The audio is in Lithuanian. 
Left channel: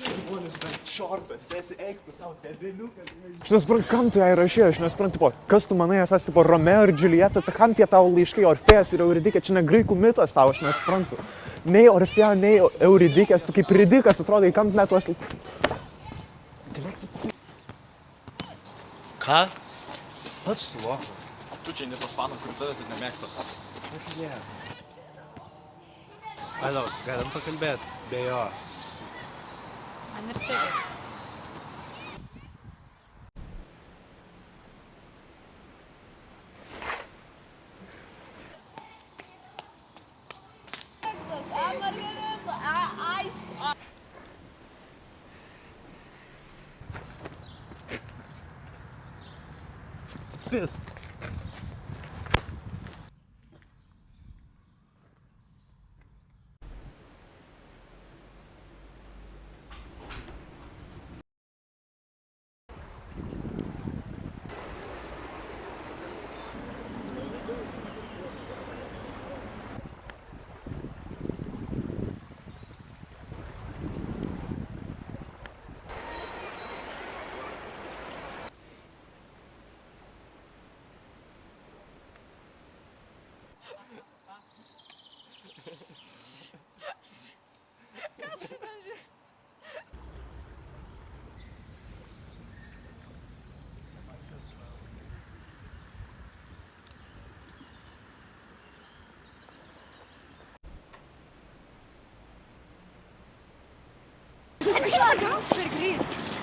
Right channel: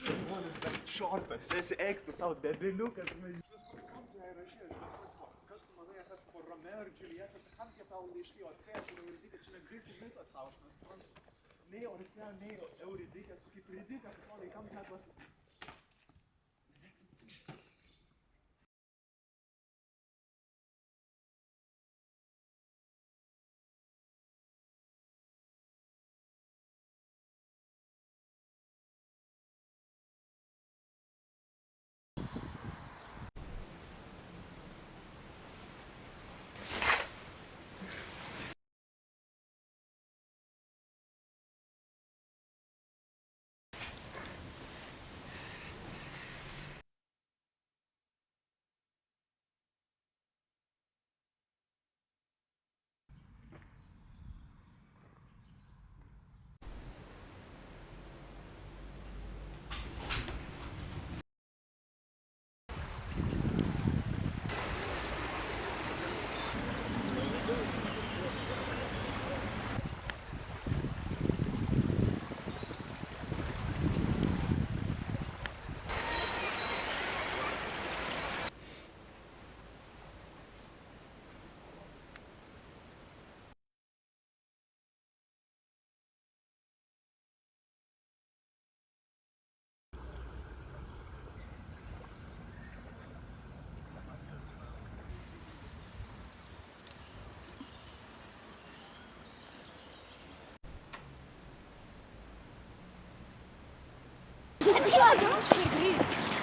Žmonis, bet šortas, esi eiktų savo debeliukas. Aš nesuprantu, kam tu ją įrašė, aš nesuprantu, tipo, kas tu manai, esas, tipo, Romeo ir Džiulieta, tai kam tie tavo laiškai, Orfėjas ir Euridikė, čia ne graikų mitas tau, aš nesuprantu. Nei Orfėja, nei Euridikės, tu kaip ridikas atrodai, kam net tuos... Ką? Pats lokas. Tu čia ne tas pano, kur tavęs net nemėgsta. Aš ne. Alo, galim pakalbėti, be jo. Man ir čia. Pisk. Super greit.